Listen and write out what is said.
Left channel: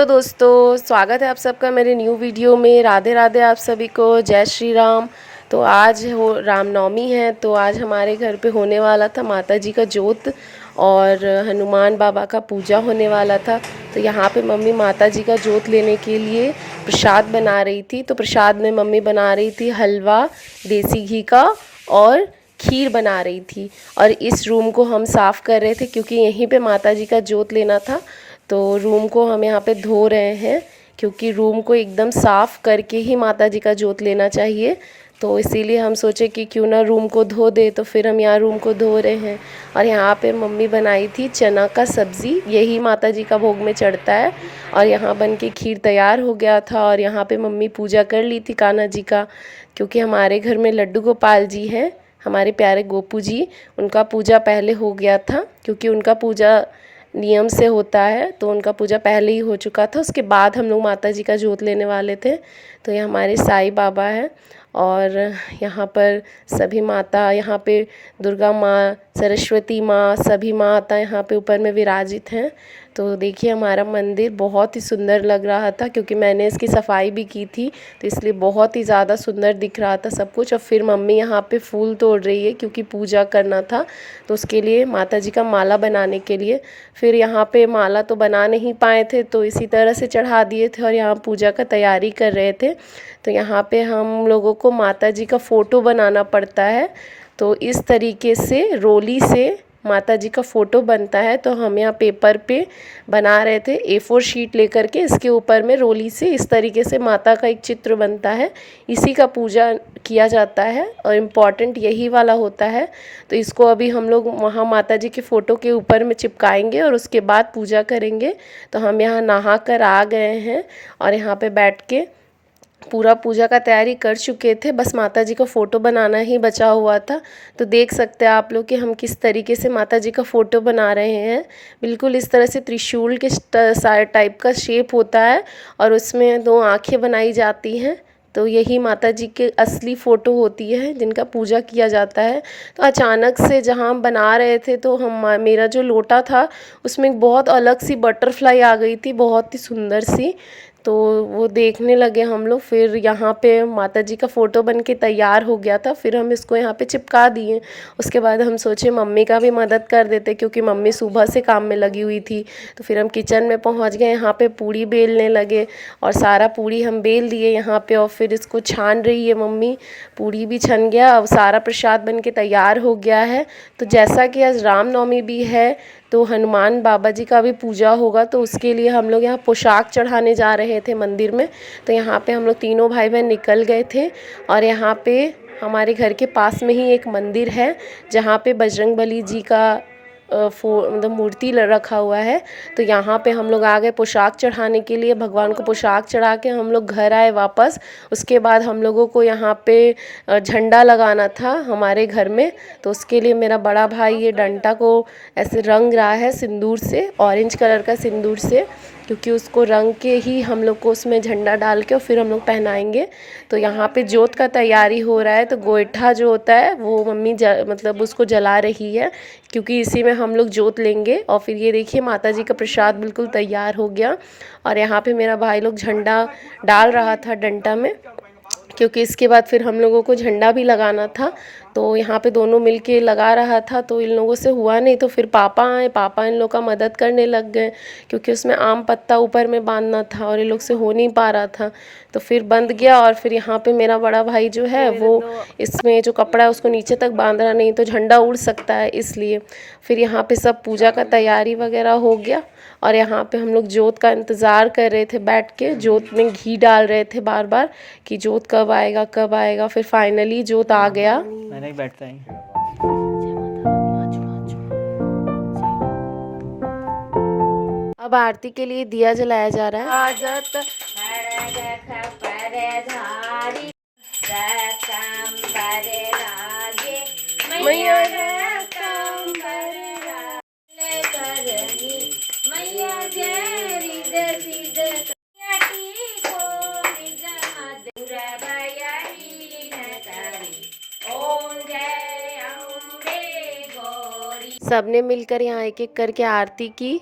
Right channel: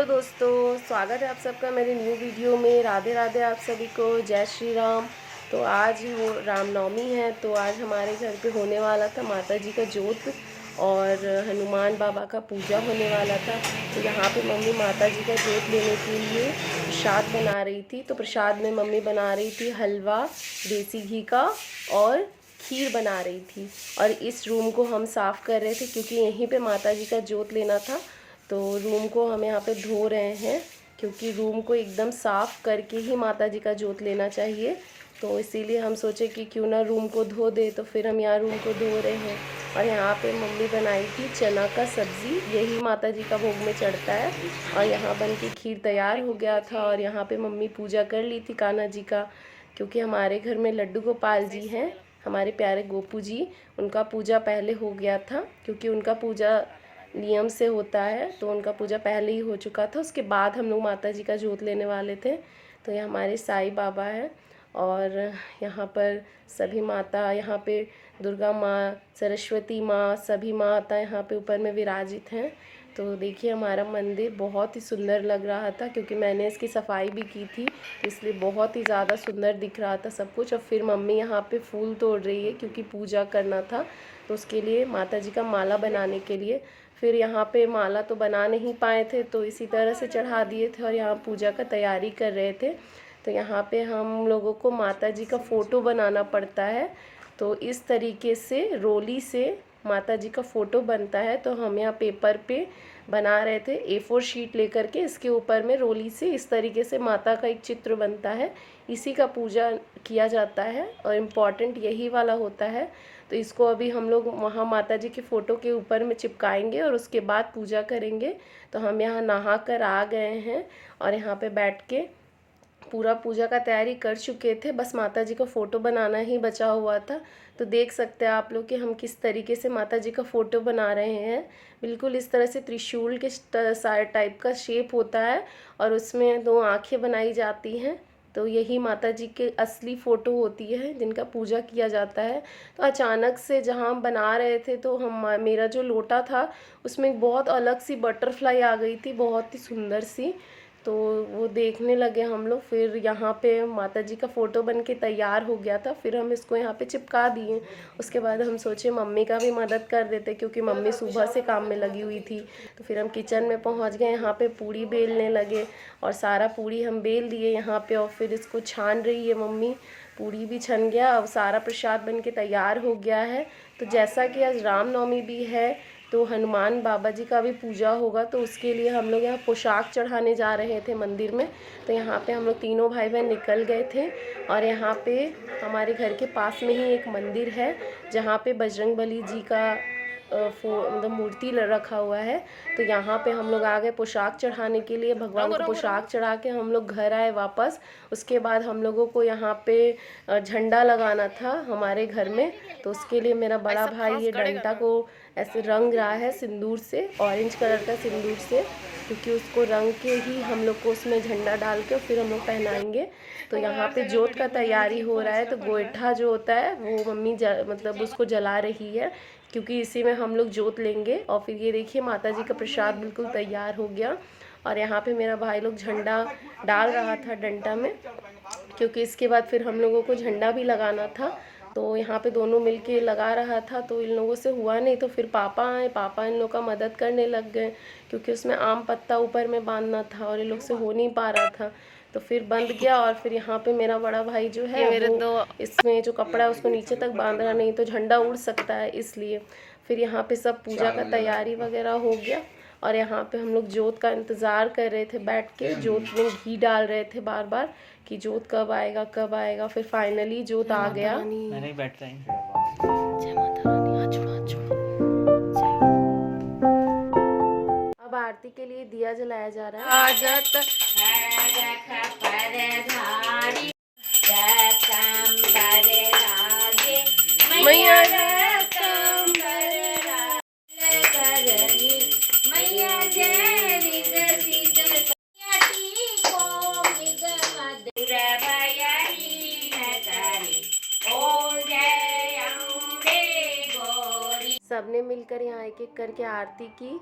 Hello दोस्तों, स्वागत है आप सबका मेरे न्यू वीडियो में। राधे राधे आप सभी को, जय श्री राम। तो आज हो रामनवमी है, तो आज हमारे घर पे होने वाला था माता जी का जोत और हनुमान बाबा का पूजा होने वाला था। तो यहाँ पे मम्मी माता जी का जोत लेने के लिए प्रसाद बना रही थी। तो प्रसाद में मम्मी बना रही थी हलवा देसी घी का और खीर बना रही थी। और इस रूम को हम साफ़ कर रहे थे क्योंकि यहीं पे माता जी का जोत लेना था। तो रूम को हम यहाँ पे धो रहे हैं क्योंकि रूम को एकदम साफ़ करके ही माता जी का जोत लेना चाहिए। तो इसीलिए हम सोचे कि क्यों ना रूम को धो दे, तो फिर हम यहाँ रूम को धो रहे हैं। और यहाँ पे मम्मी बनाई थी चना का सब्ज़ी, यही माता जी का भोग में चढ़ता है। और यहाँ बन के खीर तैयार हो गया था। और यहाँ पे मम्मी पूजा कर ली थी कान्हा जी का, क्योंकि हमारे घर में लड्डू गोपाल जी हैं, हमारे प्यारे गोपू जी। उनका पूजा पहले हो गया था क्योंकि उनका पूजा नियम से होता है, तो उनका पूजा पहले ही हो चुका था। उसके बाद हम लोग माता जी का जोत लेने वाले थे। तो ये हमारे साईं बाबा है और यहाँ पर सभी माता, यहाँ पे दुर्गा माँ, सरस्वती माँ, सभी माता यहाँ पे ऊपर में विराजित हैं। तो देखिए हमारा मंदिर बहुत ही सुंदर लग रहा था क्योंकि मैंने इसकी सफाई भी की थी, तो इसलिए बहुत ही ज़्यादा सुंदर दिख रहा था सब कुछ। और फिर मम्मी यहाँ पे फूल तोड़ रही है क्योंकि पूजा करना था, तो उसके लिए माता जी का माला बनाने के लिए। फिर यहाँ पे माला तो बना नहीं पाए थे, तो इसी तरह से चढ़ा दिए थे और यहाँ पूजा का तैयारी कर रहे थे। तो यहाँ पे हम लोगों को माता जी का फ़ोटो बनाना पड़ता है। तो इस तरीके से रोली से माता जी का फ़ोटो बनता है। तो हम यहाँ पेपर पे बना रहे थे, A4 शीट लेकर के, इसके ऊपर में रोली से इस तरीके से माता का एक चित्र बनता है। इसी का पूजा किया जाता है और इम्पॉर्टेंट यही वाला होता है। तो इसको अभी हम लोग वहाँ माता जी के फ़ोटो के ऊपर में चिपकाएंगे और उसके बाद पूजा करेंगे। तो हम यहाँ नहा कर आ गए हैं और यहाँ पे बैठ के पूरा पूजा का तैयारी कर चुके थे, बस माता जी का फ़ोटो बनाना ही बचा हुआ था। तो देख सकते हैं आप लोग कि हम किस तरीके से माता जी का फ़ोटो बना रहे हैं। बिल्कुल इस तरह से त्रिशूल के टाइप का शेप होता है और उसमें 2 आँखें बनाई जाती हैं। तो यही माता जी के असली फ़ोटो होती है जिनका पूजा किया जाता है। तो अचानक से जहाँ हम बना रहे थे, तो मेरा जो लोटा था उसमें बहुत अलग सी बटरफ्लाई आ गई थी, बहुत ही सुंदर सी। तो वो देखने लगे हम लोग। फिर यहाँ पे माता जी का फ़ोटो बन के तैयार हो गया था, फिर हम इसको यहाँ पे चिपका दिए। उसके बाद हम सोचे मम्मी का भी मदद कर देते क्योंकि मम्मी सुबह से काम में लगी हुई थी। तो फिर हम किचन में पहुँच गए, यहाँ पे पूड़ी बेलने लगे और सारा पूड़ी हम बेल दिए यहाँ पे। और फिर इसको छान रही है मम्मी, पूड़ी भी छन गया, अब सारा प्रसाद बन के तैयार हो गया है। तो जैसा कि आज रामनवमी भी है, तो हनुमान बाबा जी का भी पूजा होगा, तो उसके लिए हम लोग यहाँ पोशाक चढ़ाने जा रहे थे मंदिर में। तो यहाँ पे हम लोग तीनों भाई बहन निकल गए थे और यहाँ पे हमारे घर के पास में ही एक मंदिर है जहाँ पे बजरंगबली जी का मतलब मूर्ति रखा हुआ है। तो यहाँ पे हम लोग आ गए पोशाक चढ़ाने के लिए। भगवान को पोशाक चढ़ा के हम लोग घर आए वापस। उसके बाद हम लोगों को यहाँ पे झंडा लगाना था हमारे घर में। तो उसके लिए मेरा बड़ा भाई ये डंडा को ऐसे रंग रहा है सिंदूर से, ऑरेंज कलर का सिंदूर से, क्योंकि उसको रंग के ही हम लोग को उसमें झंडा डाल के और फिर हम लोग पहनाएंगे। तो यहाँ पे जोत का तैयारी हो रहा है। तो गोईठा जो होता है वो मम्मी मतलब उसको जला रही है क्योंकि इसी में हम लोग जोत लेंगे। और फिर ये देखिए माता जी का प्रसाद बिल्कुल तैयार हो गया और यहाँ पे मेरा भाई लोग झंडा डाल रहा था डंडा में, क्योंकि इसके बाद फिर हम लोगों को झंडा भी लगाना था। तो यहाँ पे दोनों मिलके लगा रहा था, तो इन लोगों से हुआ नहीं। तो फिर पापा आए, पापा इन लोग का मदद करने लग गए क्योंकि उसमें आम पत्ता ऊपर में बांधना था और इन लोग से हो नहीं पा रहा था। तो फिर बंध गया और फिर यहाँ पे मेरा बड़ा भाई जो है वो इसमें जो कपड़ा है उसको नीचे तक बांध रहा, नहीं तो झंडा उड़ सकता है, इसलिए। फिर यहाँ पे सब पूजा का तैयारी वगैरह हो गया और यहाँ पे हम लोग जोत का इंतज़ार कर रहे थे बैठ के। जोत में घी डाल रहे थे बार बार कि जोत कब आएगा कब आएगा। फिर फाइनली जोत आ गया। नहीं बैठता है। जय माता रानी, हाथ जोड़ो, हाथ जोड़ो। अब आरती के लिए दिया जलाया जा रहा है। मैया सबने मिलकर यहाँ एक एक करके आरती की।